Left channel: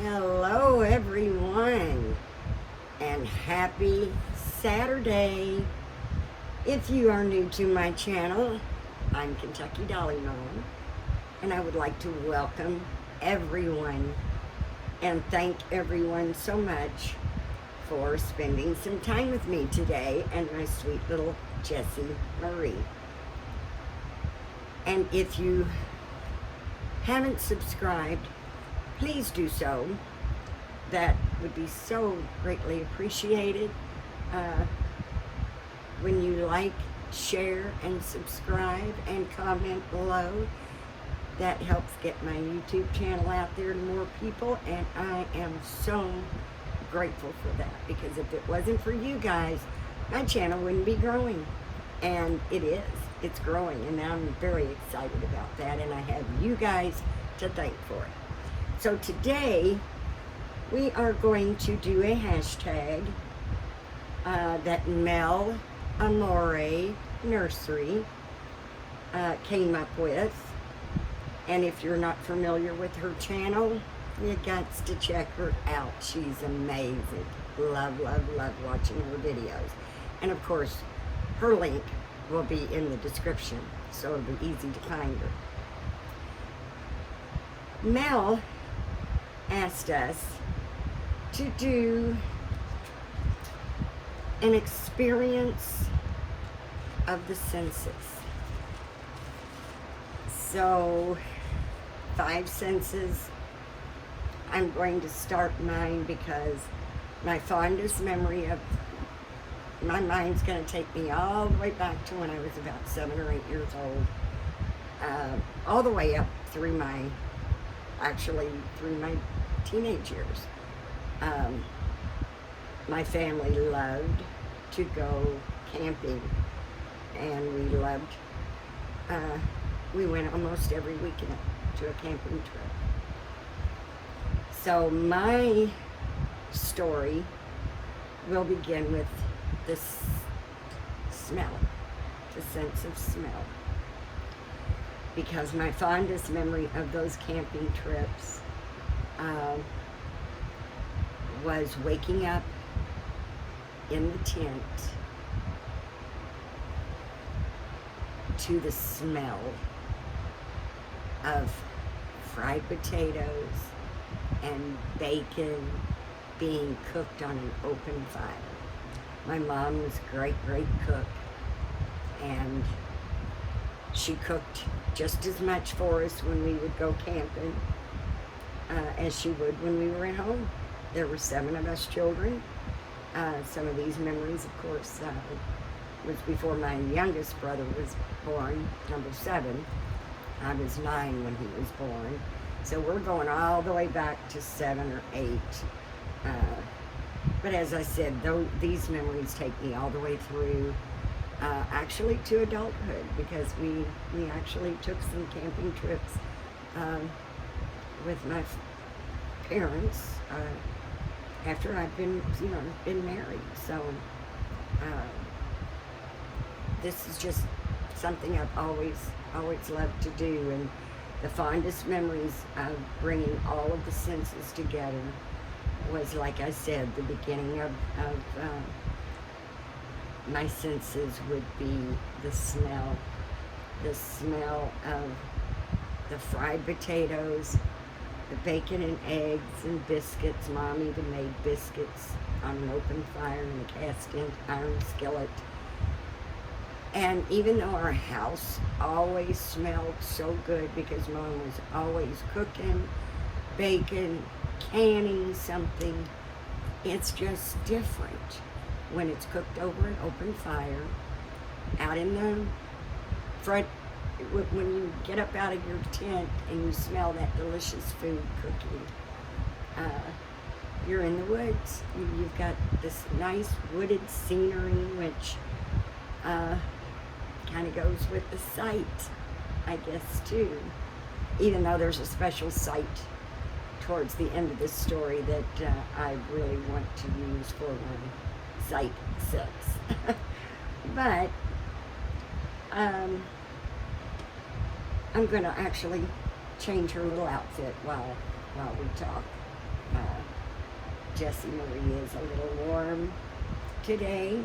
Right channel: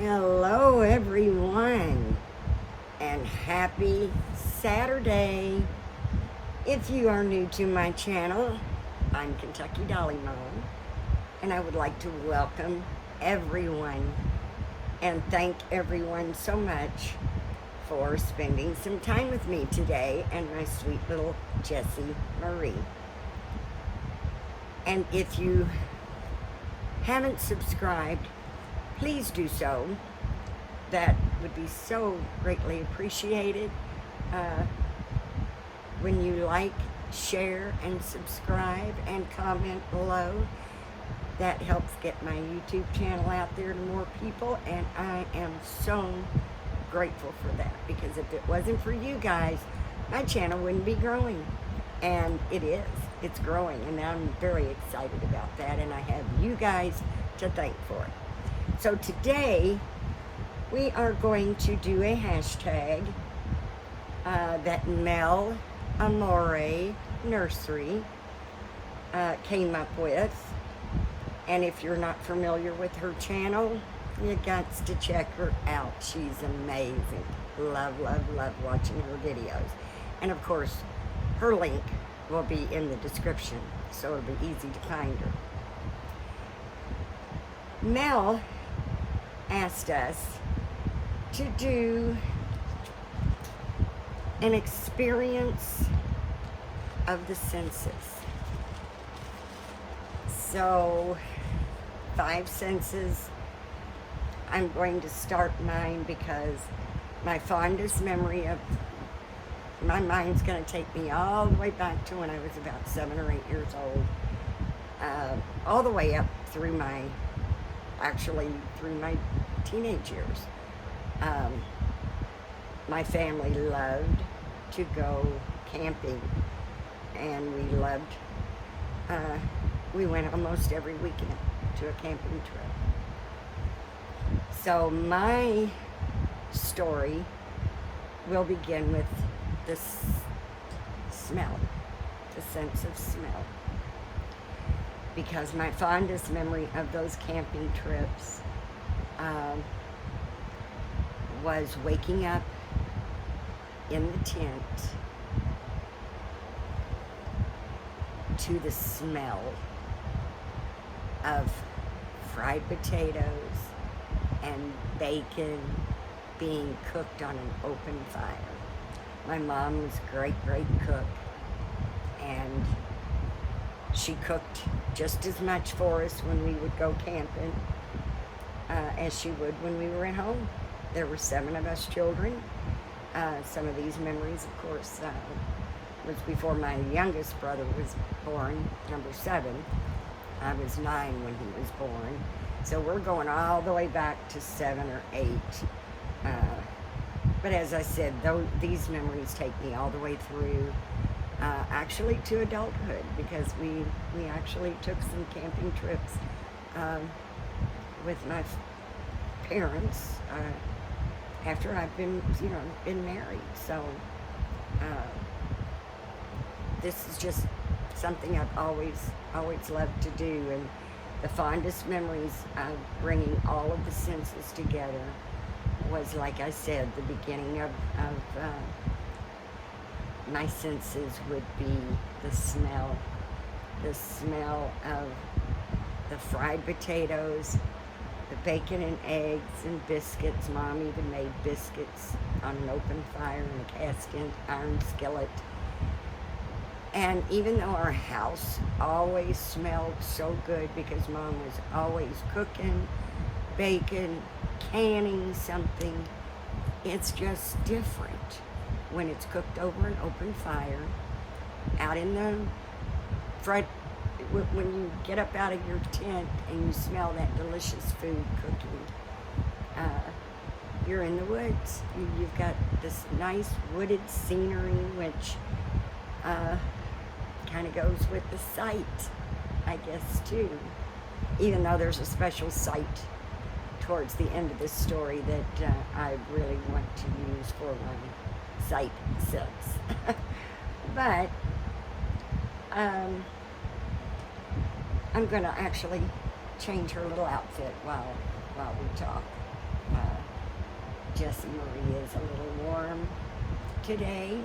Hello, everyone, and happy Saturday. If you are new to my channel, I'm Kentucky Dolly Mom, and I would like to welcome everyone and thank everyone so much for spending some time with me today and my sweet little Jessie Marie. And if you haven't subscribed, please do so. That would be so greatly appreciated. When you like, share, and subscribe and comment below, that helps get my YouTube channel out there to more people, and I am so grateful for that, because if it wasn't for you guys, my channel wouldn't be growing. And it is. It's growing, and I'm very excited about that, and I have you guys to thank for it. So today, we are going to do a hashtag that Mel Amorè Nursery came up with. And if you're not familiar with her channel, you got to check her out. She's amazing. Love, love, love watching her videos. And of course, her link will be in the description, so it'll be easy to find her. Mel asked us to do an experience of the senses. So, 5 senses. I'm going to start mine because my fondest memory of my mind's going to take me all the way back to when I was about 7 or 8 years old, all the way up through my teenage years. My family loved to go camping, and we went almost every weekend to a camping trip. So my story will begin with the smell, the sense of smell. Because my fondest memory of those camping trips was waking up in the tent to the smell of fried potatoes and bacon being cooked on an open fire. My mom was a great, great cook, and she cooked just as much for us when we would go camping as she would when we were at home. There were 7 of us children. Some of these memories, of course, was before my youngest brother was born, number 7. I was 9 when he was born. So we're going all the way back to 7 or 8. But as I said, these memories take me all the way through actually to adulthood, because we actually took some camping trips with my parents after I've been married. So this is just something I've always loved to do, and the fondest memories of bringing all of the senses together was, like I said, the beginning of my senses would be the smell of the fried potatoes, the bacon and eggs and biscuits. Mom even made biscuits on an open fire in a cast iron skillet. And even though our house always smelled so good because Mom was always cooking, baking, canning something, it's just different when it's cooked over an open fire, out in the front. When you get up out of your tent and you smell that delicious food cooking, you're in the woods. You've got this nice wooded scenery, which kind of goes with the site, I guess, too. Even though there's a special site towards the end of this story that I really want to use for my site 6. But I'm going to actually change her little outfit while we talk. Uh, Jessie Marie is a little warm today,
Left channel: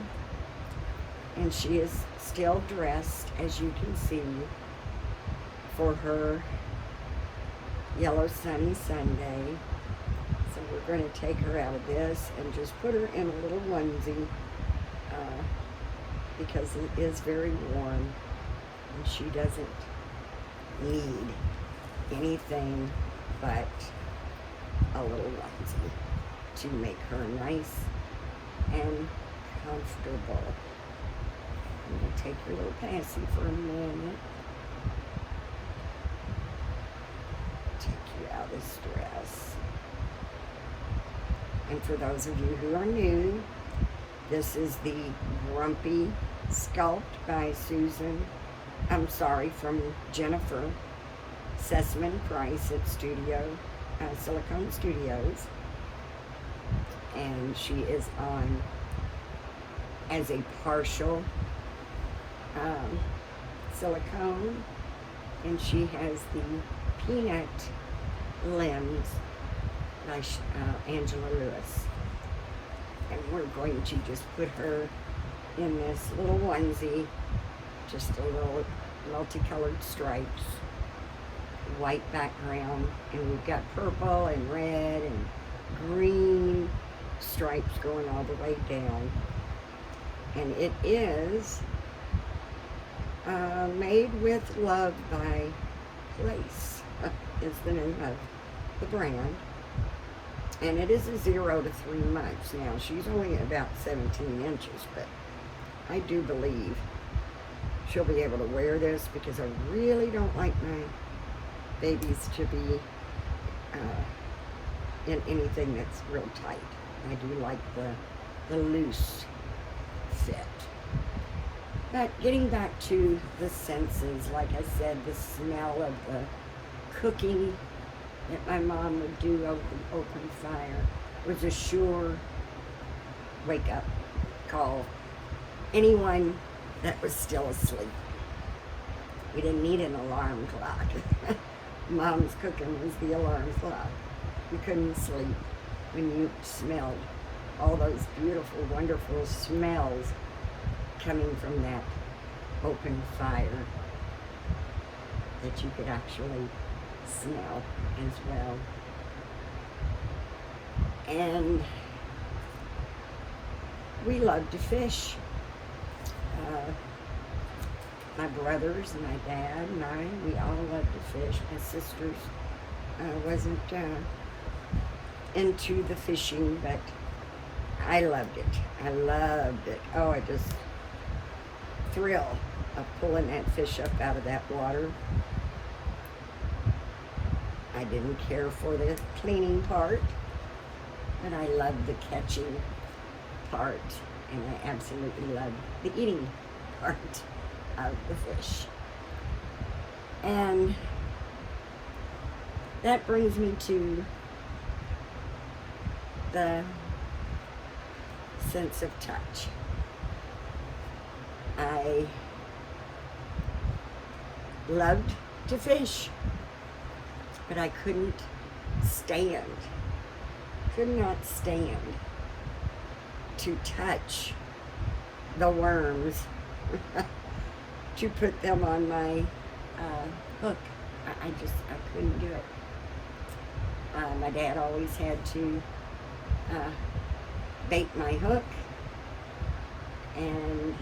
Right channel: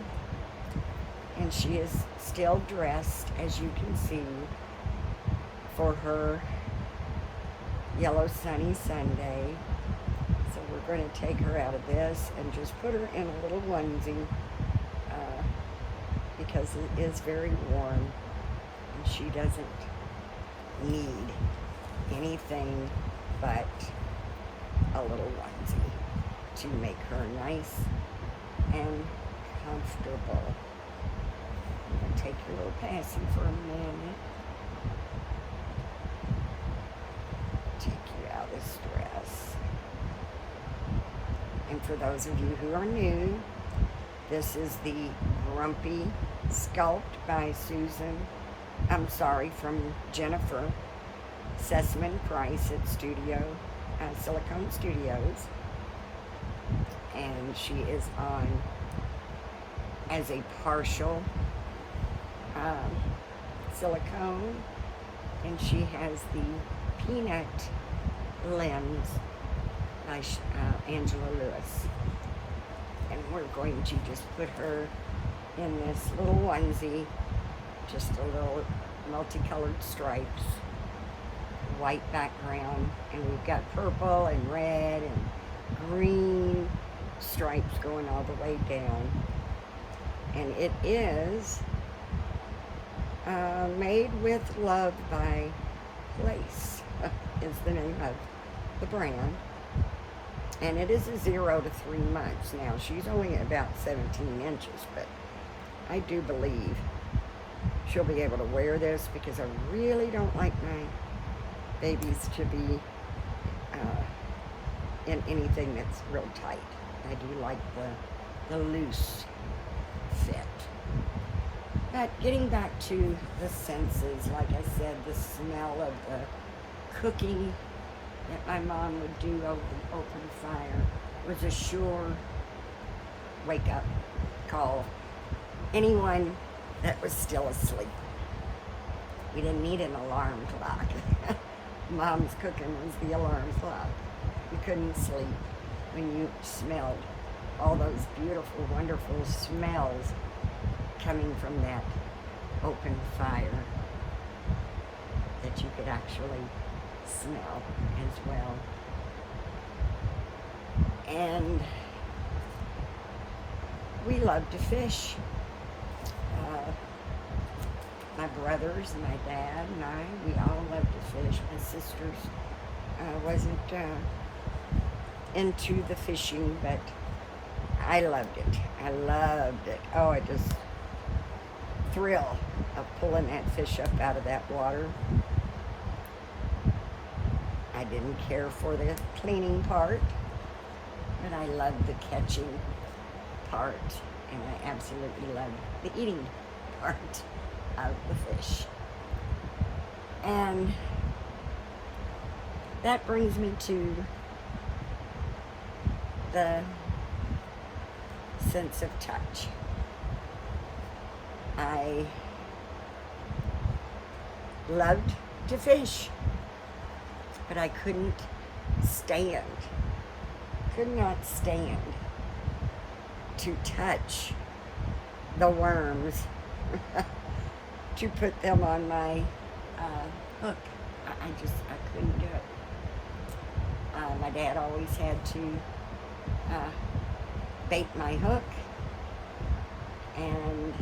and she is still dressed, as you can see, for her yellow sunny Sunday. So we're going to take her out of this and just put her in a little onesie because it is very warm and she doesn't need anything but a little onesie to make her nice and comfortable. I'm going to take your little passy for a minute. Take you out of stress. And for those of you who are new, this is the Grumpy Sculpt by from Jennifer Sessman Price at Silicone Studios. And she is on as a partial silicone, and she has the Peanut Limbs by Angela Lewis. And we're going to just put her in this little onesie, just a little multicolored stripes, white background, and we've got purple and red and green stripes going all the way down. And it is Made with Love by Lace is the name of the brand. And it is a 0 to 3 months. Now, she's only about 17 inches, but I do believe she'll be able to wear this because I really don't like my babies to be in anything that's real tight. I do like the loose fit. But getting back to the senses, like I said, the smell of the cooking that my mom would do over the open fire was a sure wake-up call. Anyone that was still asleep. We didn't need an alarm clock. Mom's cooking was the alarm clock. You couldn't sleep when you smelled all those beautiful, wonderful smells coming from that open fire that you could actually smell as well. And we love to fish. My brothers and my dad and we all love to fish. My sisters wasn't into the fishing, but I loved it. I loved it. Oh, I just thrill of pulling that fish up out of that water. I didn't care for the cleaning part, but I loved the catching part, and I absolutely loved the eating part of the fish. And that brings me to the sense of touch. I loved to fish, but I could not stand to touch the worms, to put them on my hook. I couldn't do it. My dad always had to bait my hook and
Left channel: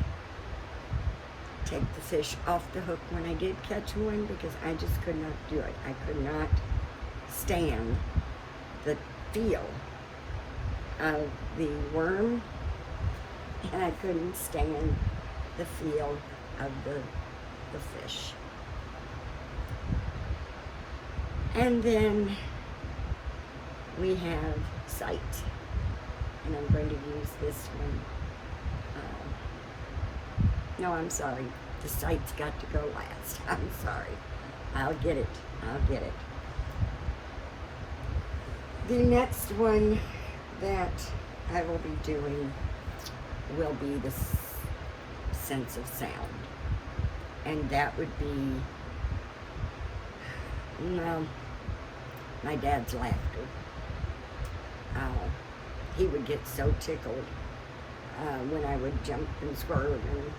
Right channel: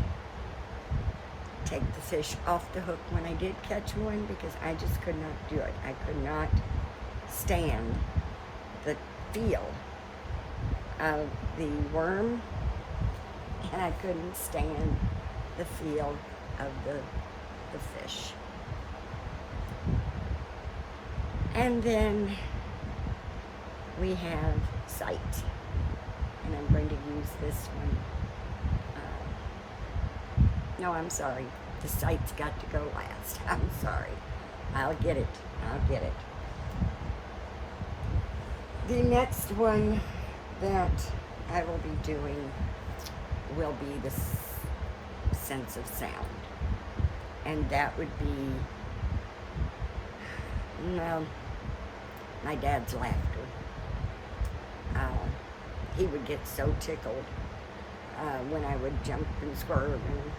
take the fish off the hook when I did catch one, because I just could not do it. I could not stand the feel of the worm, and I couldn't stand the feel of the fish. And then we have sight, and I'm going to use this one. No, I'm sorry. The sight's got to go last. I'm sorry. I'll get it. The next one that I will be doing will be the sense of sound. And that would be my dad's laughter. he would get so tickled when I would jump and squirt and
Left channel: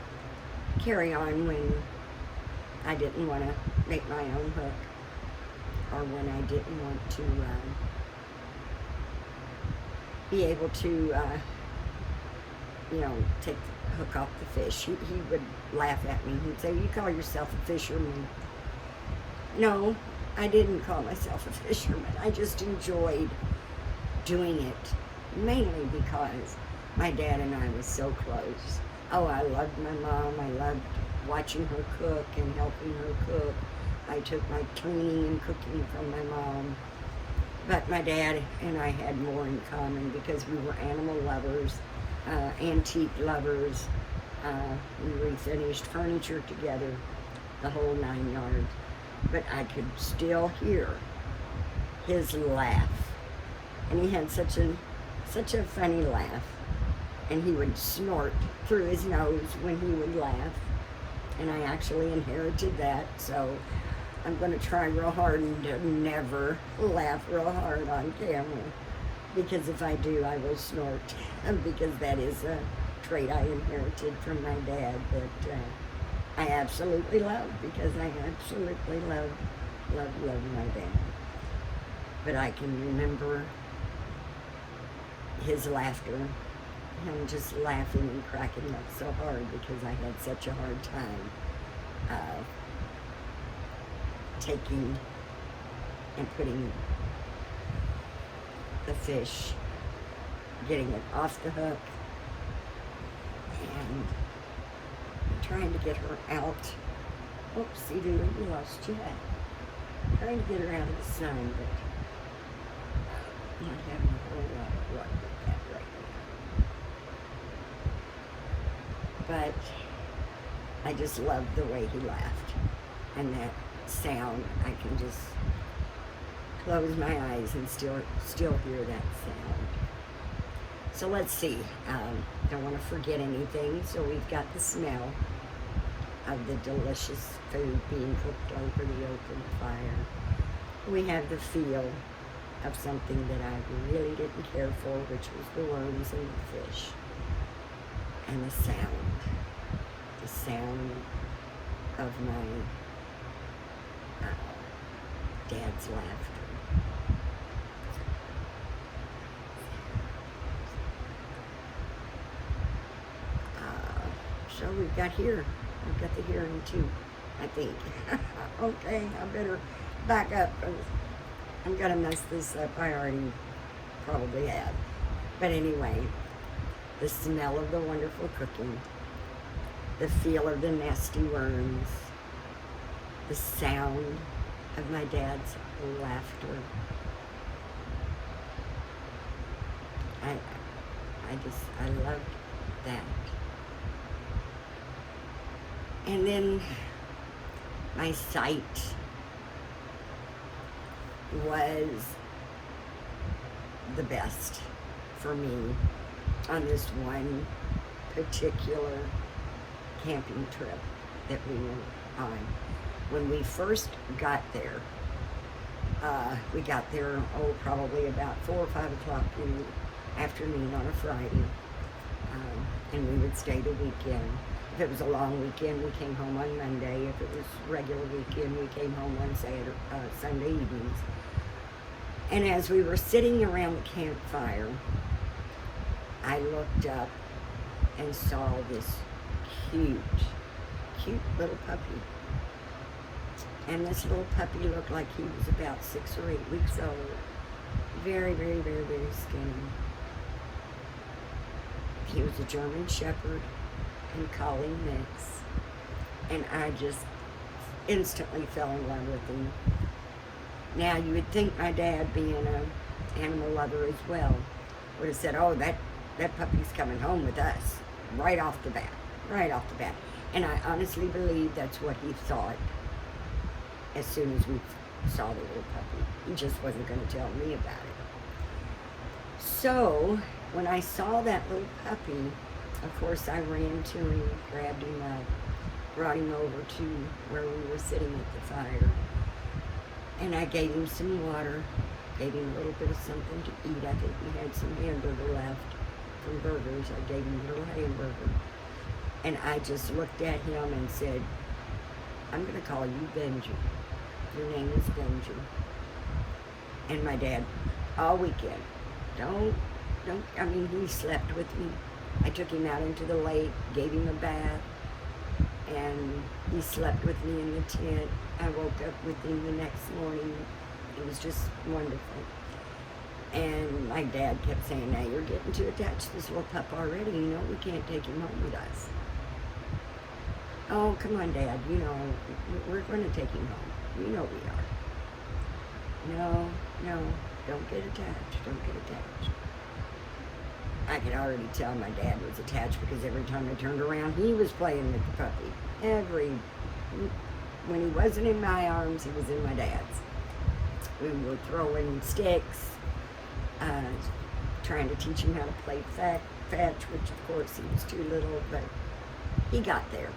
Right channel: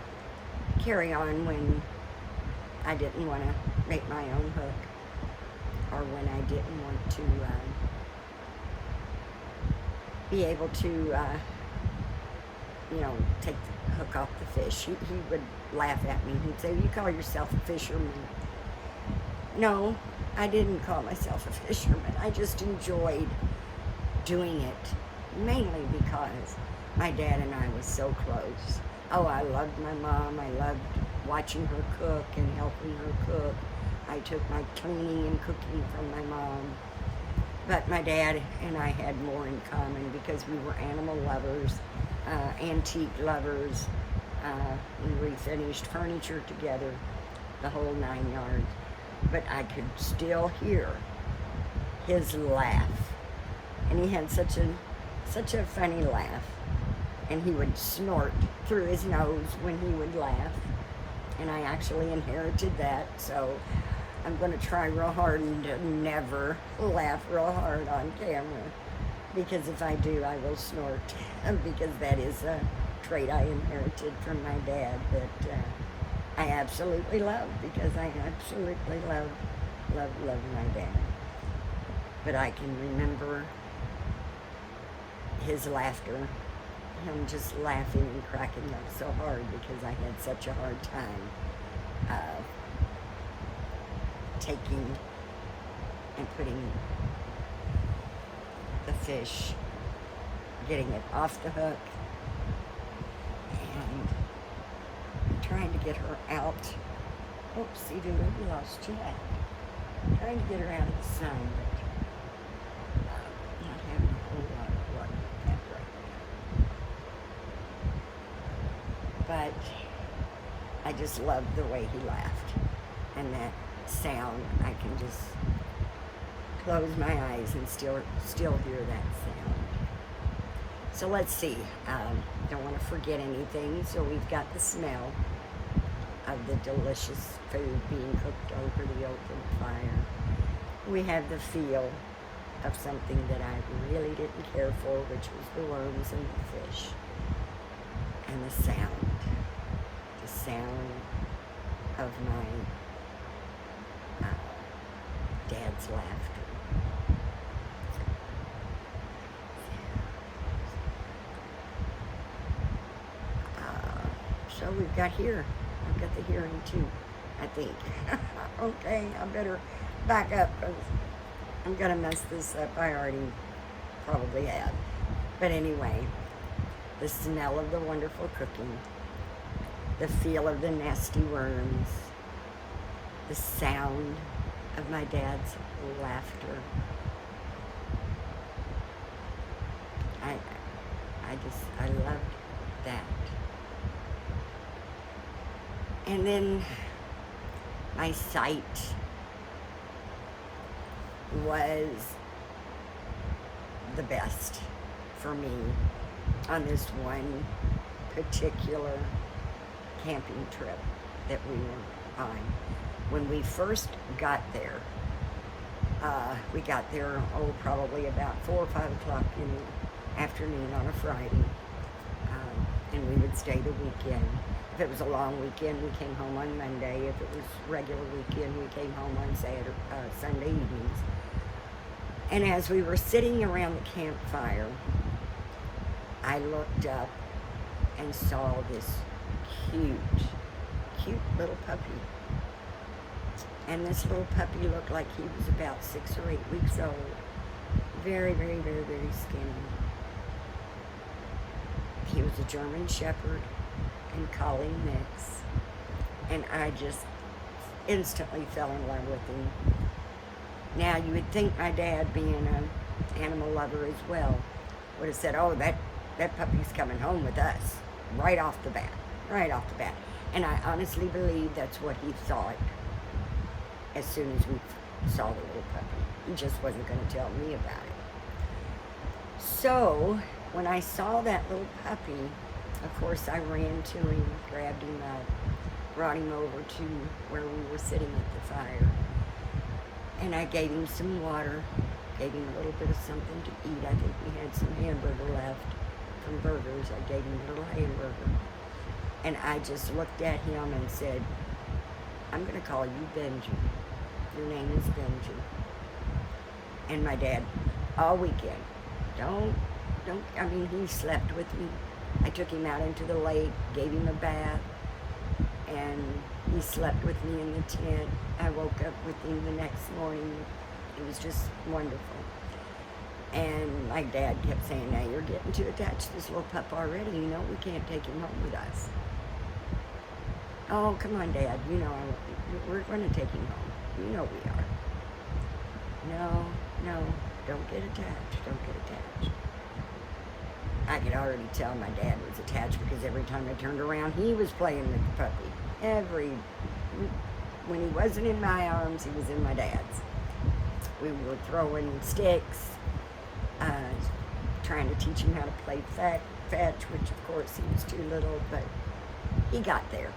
carry on when I didn't want to make my own hook, or when I didn't want to be able to, take the hook off the fish. He would laugh at me. He'd say, "You call yourself a fisherman?" No, I didn't call myself a fisherman. I just enjoyed doing it, mainly because my dad and I was so close. Oh, I loved my mom. I loved watching her cook and helping her cook. I took my cleaning and cooking from my mom. But my dad and I had more in common because we were animal lovers, antique lovers. We refinished furniture together, the whole 9 yards. But I could still hear his laugh. And he had such a funny laugh. And he would snort through his nose when he would laugh. And I actually inherited that, so I'm going to try real hard to never laugh real hard on camera. Because if I do, I will snort. Because that is a trait I inherited from my dad that I absolutely love. Because I absolutely love my dad. But I can remember his laughter, him just laughing and cracking up so hard because I had such a hard time taking and putting the fish, getting it off the hook, and trying to get her out. Oops, see, dude, you lost Jack. Trying to get her out of the sun, but not having a whole lot of luck with that right now. But I just loved the way he laughed, and that sound. I can just close my eyes and still hear that sound. So let's see. Don't want to forget anything. So we've got the smell of the delicious food being cooked over the open fire. We have the feel of something that I really didn't care for, which was the worms and the fish. And the sound of my dad's laughter. So we've got here. I've got the hearing too, I think. Okay, I better back up. I'm gonna mess this up. I already probably had. But anyway, the smell of the wonderful cooking, the feel of the nasty worms, the sound of my dad's laughter. I loved that. And then my sight was the best for me on this one particular camping trip that we were on. When we first got there, we got there, probably about 4 or 5 o'clock in the afternoon on a Friday, and we would stay the weekend. If it was a long weekend, we came home on Monday. If it was regular weekend, we came home on Sunday evenings. And as we were sitting around the campfire, I looked up and saw this cute little puppy. And this little puppy looked like he was about 6 or 8 weeks old. Very, very, very, very skinny. He was a German Shepherd and Collie mix. And I just instantly fell in love with him. Now, you would think my dad, being an animal lover as well, would have said, "Oh, that puppy's coming home with us," right off the bat. And I honestly believe that's what he thought as soon as we saw the little puppy. He just wasn't going to tell me about it. So, when I saw that little puppy, of course I ran to him, grabbed him up, brought him over to where we were sitting at the fire, and I gave him some water, Gave him a little bit of something to eat. I think we had some hamburger left from burgers. I gave him a little hamburger. And I just looked at him and said, I'm going to call you Benji. Your name is Benji. And my dad, all weekend, he slept with me. I took him out into the lake, gave him a bath, and he slept with me in the tent. I woke up with him the next morning. It was just wonderful. And my dad kept saying, now you're getting too attached to this little pup already. You know, we can't take him home with us. Oh, come on, Dad. You know, we're going to take him home. You know we are. No, don't get attached. Don't get attached. I could already tell my dad was attached because every time I turned around, he was playing with the puppy. When he wasn't in my arms, he was in my dad's. We were throwing sticks, trying to teach him how to play fetch, which of course he was too little, but he got there.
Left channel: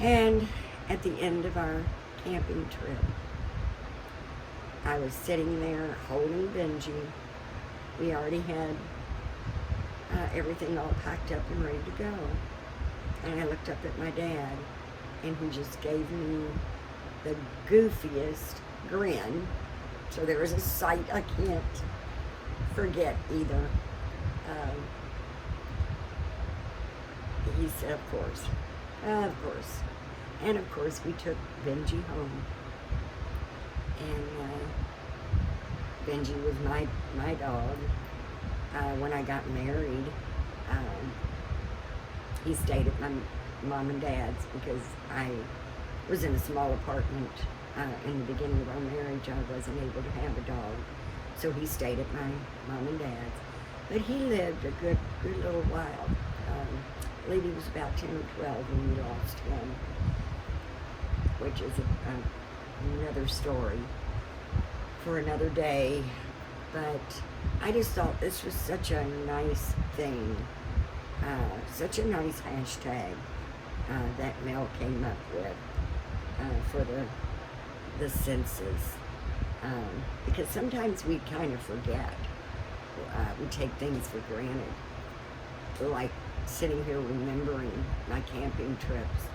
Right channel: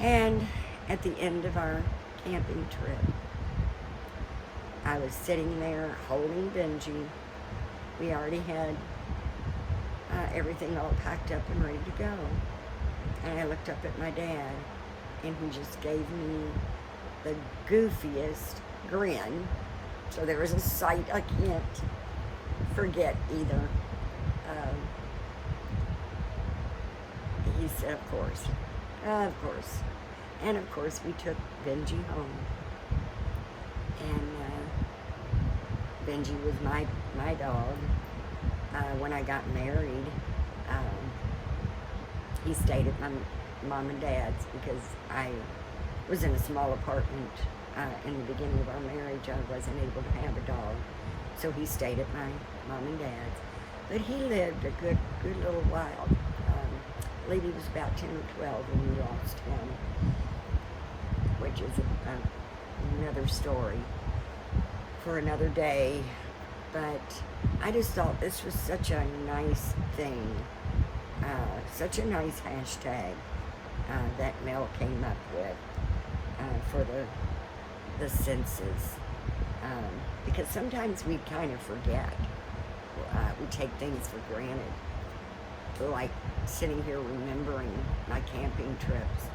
And at the end of our camping trip, I was sitting there holding Benji. We already had everything all packed up and ready to go. And I looked up at my dad, and he just gave me the goofiest grin. So there was a sight I can't forget either. He said, of course. And of course we took Benji home. And Benji was my dog. When I got married, he stayed at my mom and dad's because I was in a small apartment in the beginning of our marriage. I wasn't able to have a dog, so he stayed at my mom and dad's. But he lived a good little while. I believe he was about 10 or 12 when we lost him, which is another story for another day. But I just thought this was such a nice thing, such a nice hashtag that Mel came up with for the census, because sometimes we kind of forget. We take things for granted, like sitting here remembering my camping trips,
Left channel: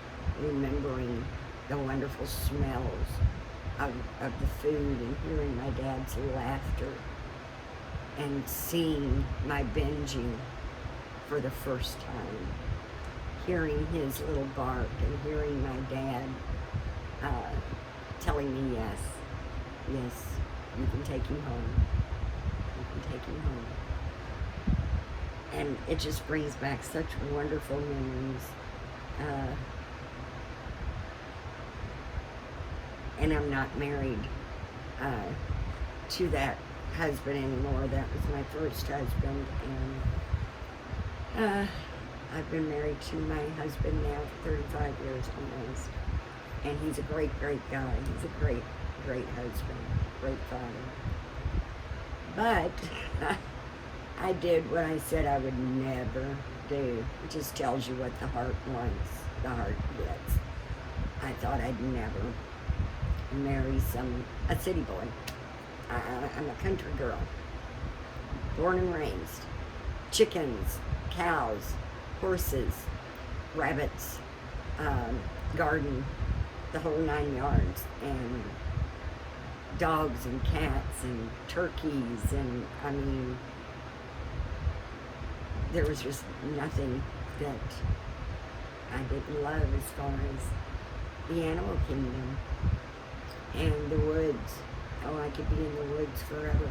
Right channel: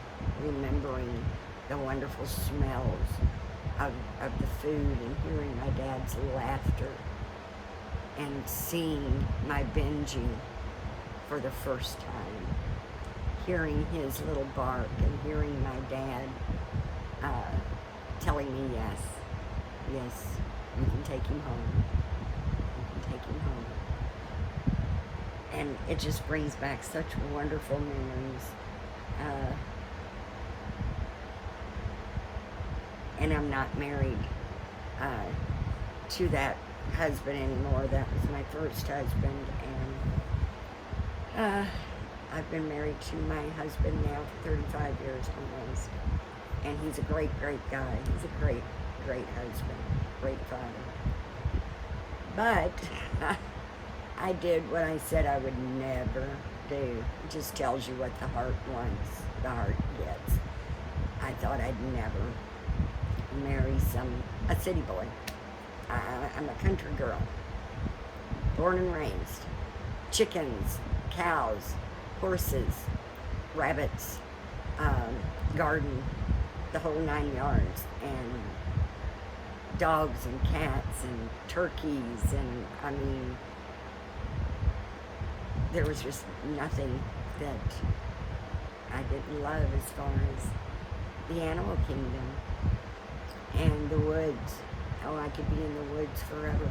remembering the wonderful smells of the food, and hearing my dad's laughter, and seeing my Benji for the first time, hearing his little bark, and hearing my dad telling me, yes, you can take him home. You can take him home. And it just brings back such wonderful memories. And I'm not married to that husband anymore. That was my first husband, and I've been married to my husband now for 35 years almost. And he's a great guy. He's a great husband, great father. But I did what I said I would never do. It just tells you what the heart wants, the heart gets. I thought I'd never marry a city boy. I'm a country girl, born and raised. Chickens, cows, horses, rabbits, garden, the whole 9 yards, and dogs and cats and turkeys, and I mean, there was just nothing that I didn't love as far as the animal kingdom and the woods. Oh, I could be in the woods forever.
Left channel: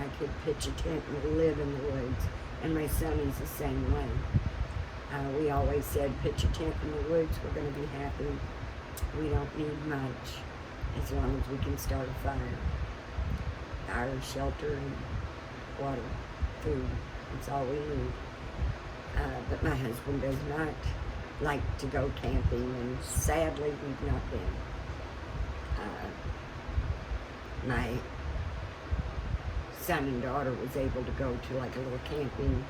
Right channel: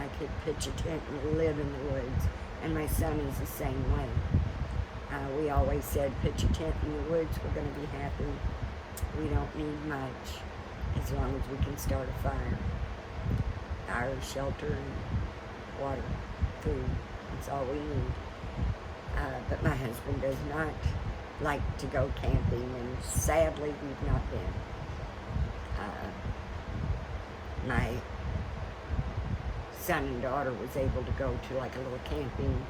I could pitch a tent and live in the woods, and my son is the same way. We always said, pitch a tent in the woods, we're going to be happy. We don't need much as long as we can start a fire. Fire, shelter, and water, food. That's all we need. But my husband does not like to go camping, and sadly we've not been. My son and daughter was able to go to like a little camping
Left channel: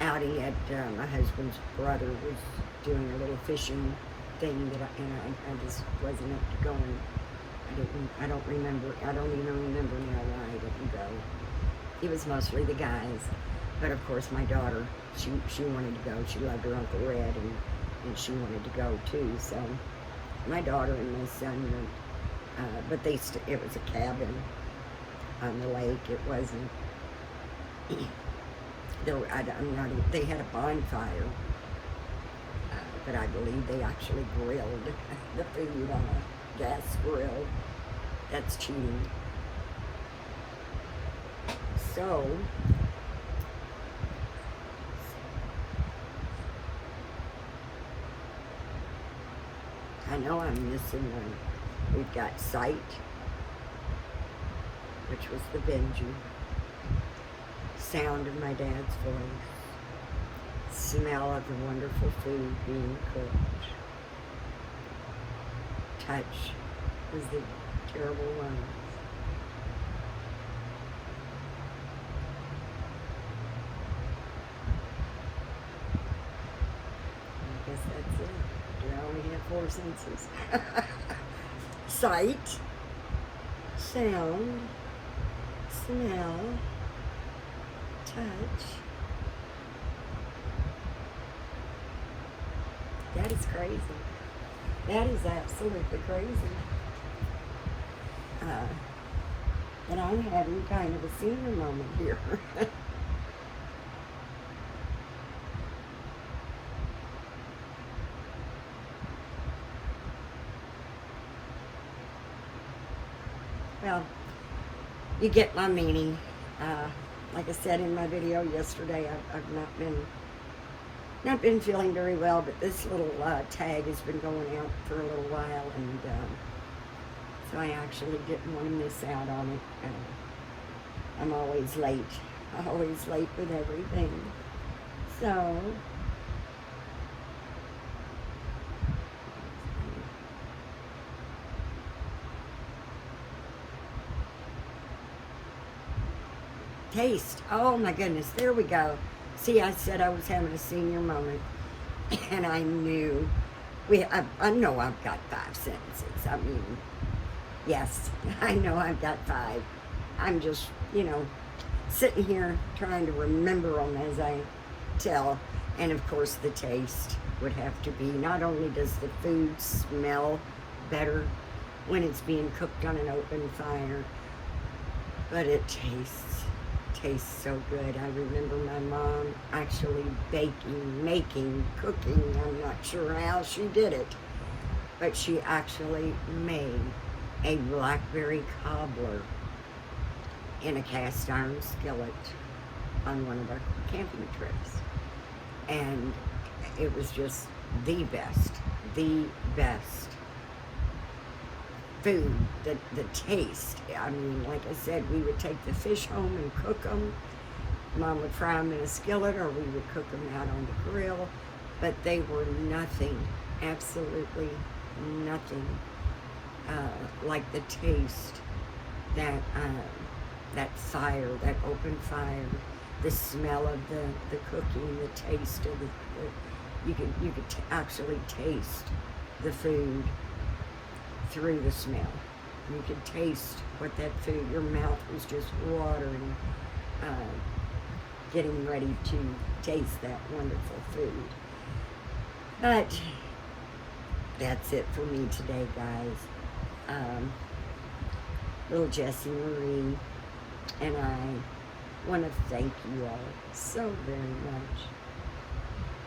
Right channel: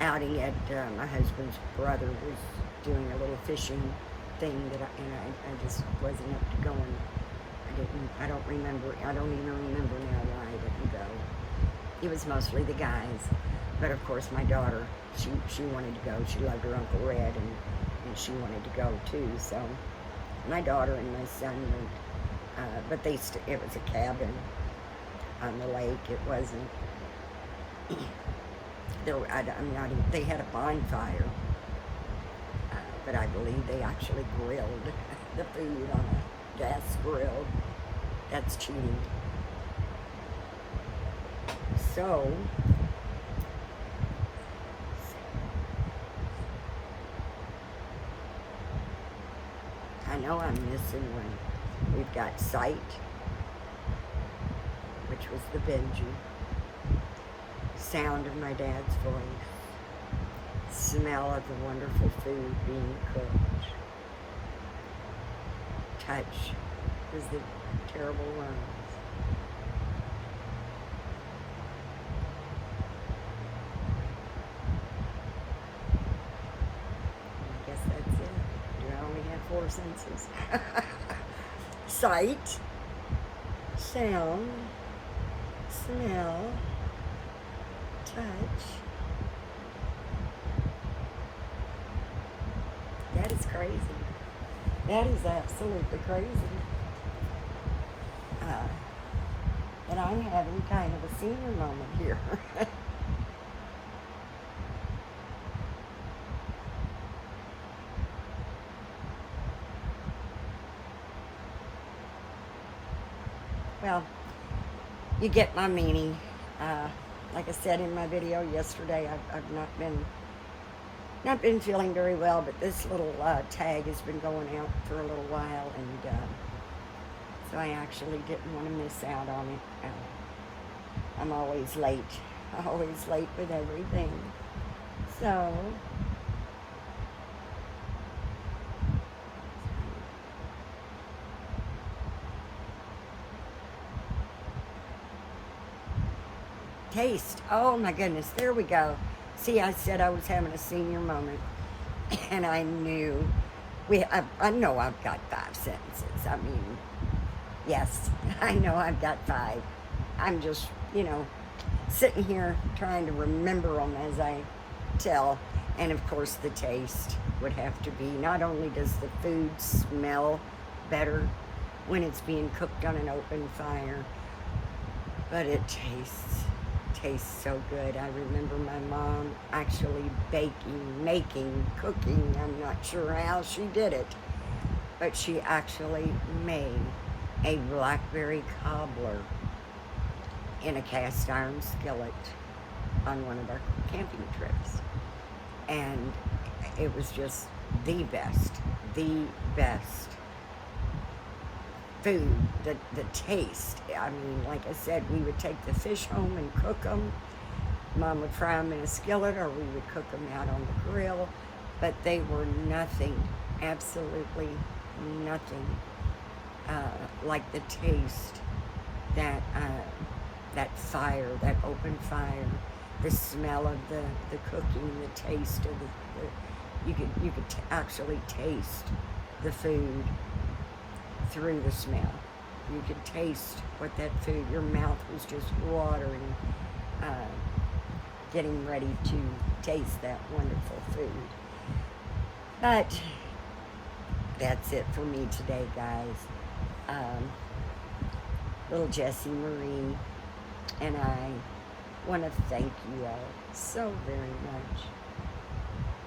outing at my husband's brother was doing a little fishing thing that I just wasn't up to going I don't remember, I don't even remember now why I didn't go. It was mostly the guys. But of course my daughter, she wanted to go. She loved her Uncle Red, and she wanted to go too. So my daughter and my son went, but it was a cabin on the lake. It wasn't, they had a bonfire, but I believe they actually grilled the food on a gas grill. That's cheating. So, I know I'm missing one. We've got Sight, which was the Benji. Sound of my dad's voice. Smell of the wonderful food being cooked. Touch was the terrible ones. I guess that's it. Do I only have 4 senses? Sight, sound, smell, touch. That is crazy. That is absolutely crazy. And I'm having kind of a senior moment here. Well, you get my meaning. Like I said in my video yesterday, I've not been feeling very well, but this little tag has been going out for a little while, and so I actually didn't want to miss out on it. I'm always late with everything. So, taste. Oh my goodness, there we go. See, I said I was having a senior moment, and I knew, I know I've got 5 sentences. I mean, yes, I know I've got 5. I'm just, sitting here trying to remember them as I tell. And of course the taste would have to be, not only does the food smell better when it's being cooked on an open fire, but it tastes so good. I remember my mom actually baking, cooking. I'm not sure how she did it, but she actually made a blackberry cobbler in a cast iron skillet on one of our camping trips. And it was just the best food, the taste. I mean, like I said, we would take the fish home and cook them. Mom would fry them in a skillet, or we would cook them out on the grill, but they were nothing, absolutely nothing like the taste that fire, that open fire, the smell of the cooking, the taste of you could actually taste the food through the smell. You could taste what that food, your mouth was just watering, getting ready to taste that wonderful food. But that's it for me today, guys. Little Jessie Marie and I want to thank you all so very much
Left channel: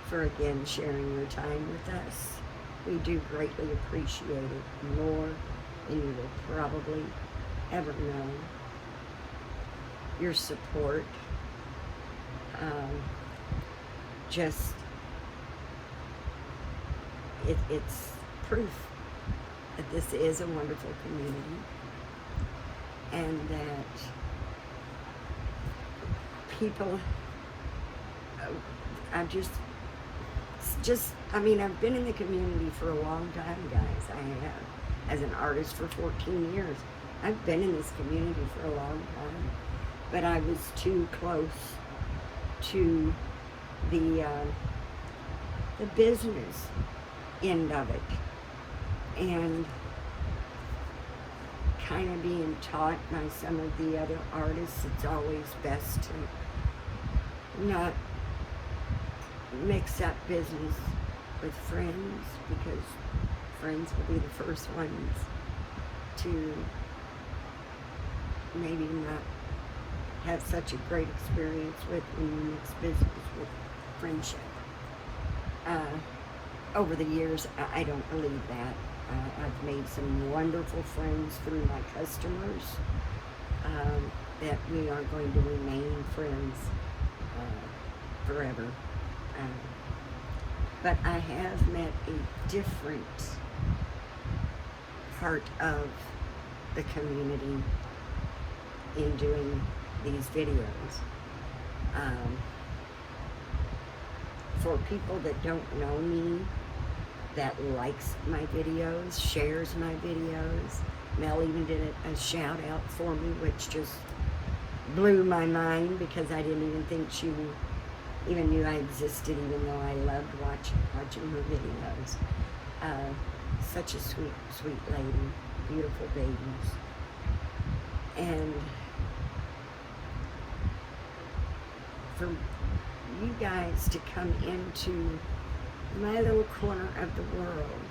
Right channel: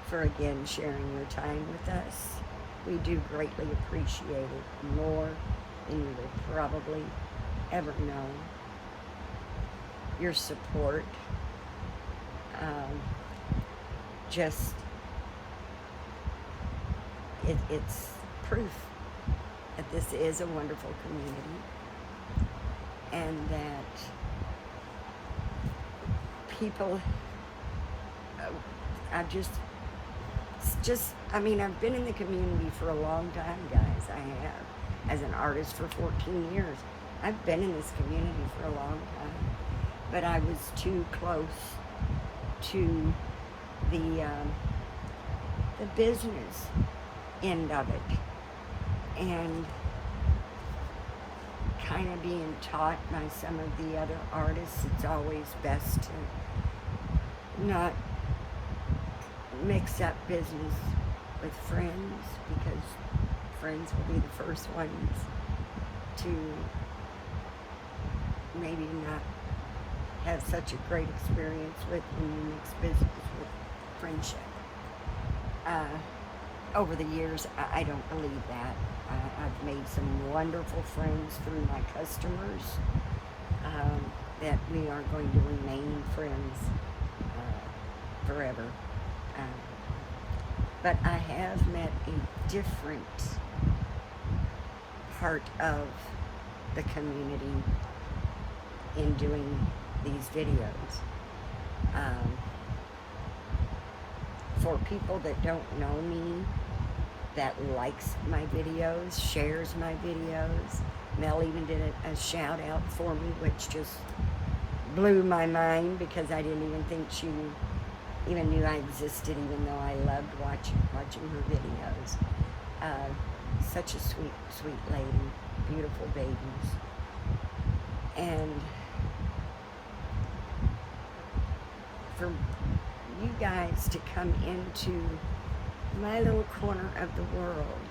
for again sharing your time with us. We do greatly appreciate it, more than you will probably ever know. Your support, it's proof that this is a wonderful community, and that people, I've been in the community for a long time, guys. I have. As an artist for 14 years. I've been in this community for a long time. But I was too close to the business end of it. And kind of being taught by some of the other artists, it's always best to not mix up business with friends, because friends will be the first ones to maybe not have such a great experience with when you mix business with friendship. Over the years, I don't believe that. I've made some wonderful friends through my customers that we are going to remain friends forever. But I have met a different part of the community in doing these videos. For people that don't know me, that likes my videos, shares my videos. Mel even did a shout out for me, which just blew my mind, because I didn't even think she even knew I existed, even though I loved watching her videos. Such a sweet, sweet lady, beautiful babies. And for you guys to come into my little corner of the world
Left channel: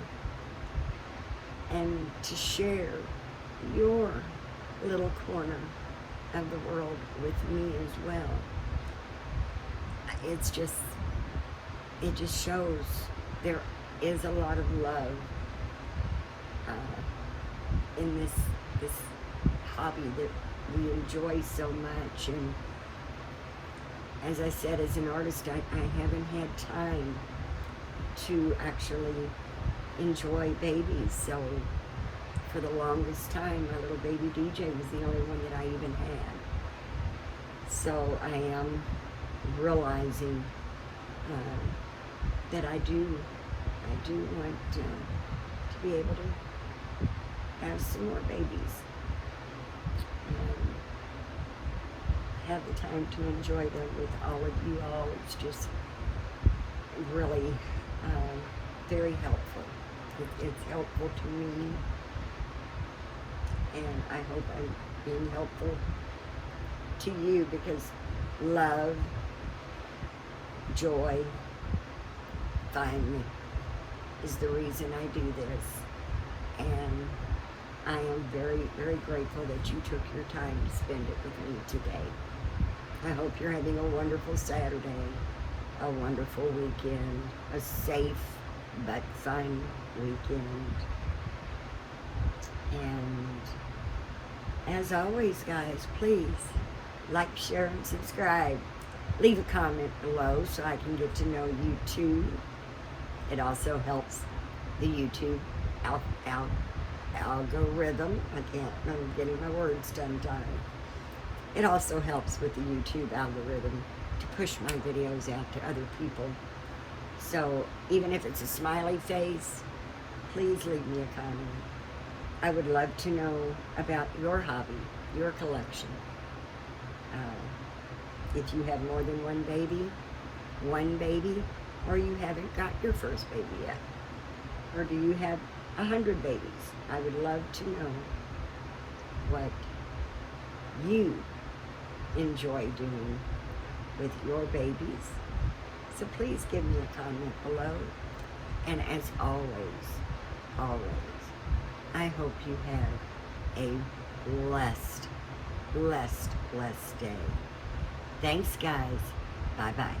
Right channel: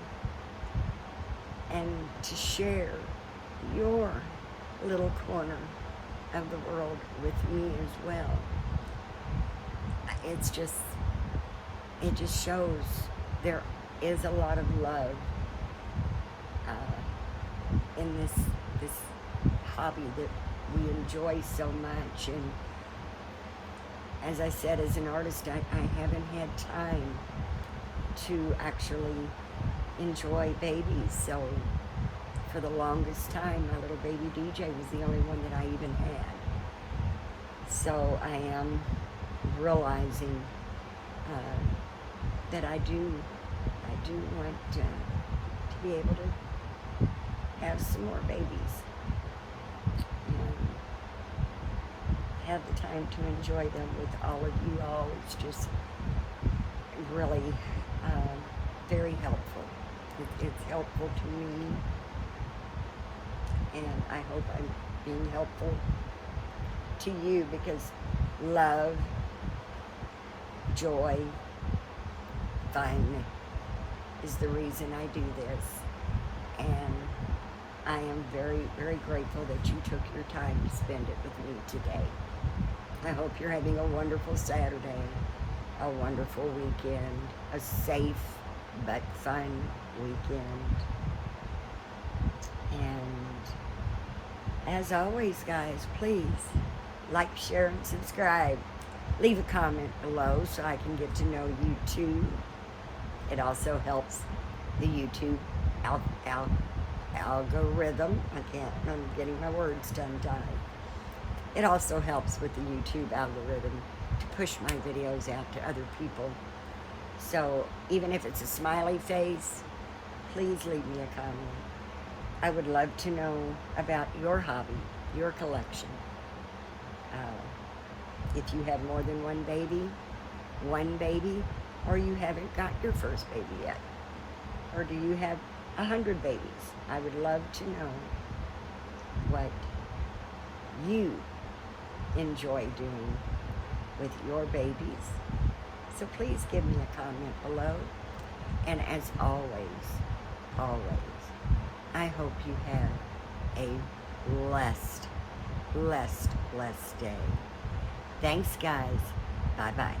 and to share your little corner of the world with me as well, it just shows there is a lot of love in this hobby that we enjoy so much. And as I said, as an artist, I haven't had time to actually enjoy babies. So for the longest time, my little baby DJ was the only one that I even had. So I am realizing that I do want to be able to have some more babies and have the time to enjoy them with all of you all. It's just really very helpful. It's helpful to me, and I hope I'm being helpful to you, because love, joy, fun is the reason I do this. And I am very, very grateful that you took your time to spend it with me today. I hope you're having a wonderful Saturday, a wonderful weekend, a safe but fun weekend. And as always, guys, please like, share, and subscribe. Leave a comment below so I can get to know you too. It also helps the YouTube algorithm. I'm getting my words tongue-tied. It also helps with the YouTube algorithm to push my videos out to other people. So even if it's a smiley face, please leave me a comment. I would love to know about your hobby, your collection. If you have more than one baby, or you haven't got your first baby yet, or do you have 100 babies? I would love to know what you enjoy doing with your babies. So please give me a comment below. And as always, I hope you have a blessed day. Thanks, guys. Bye-bye.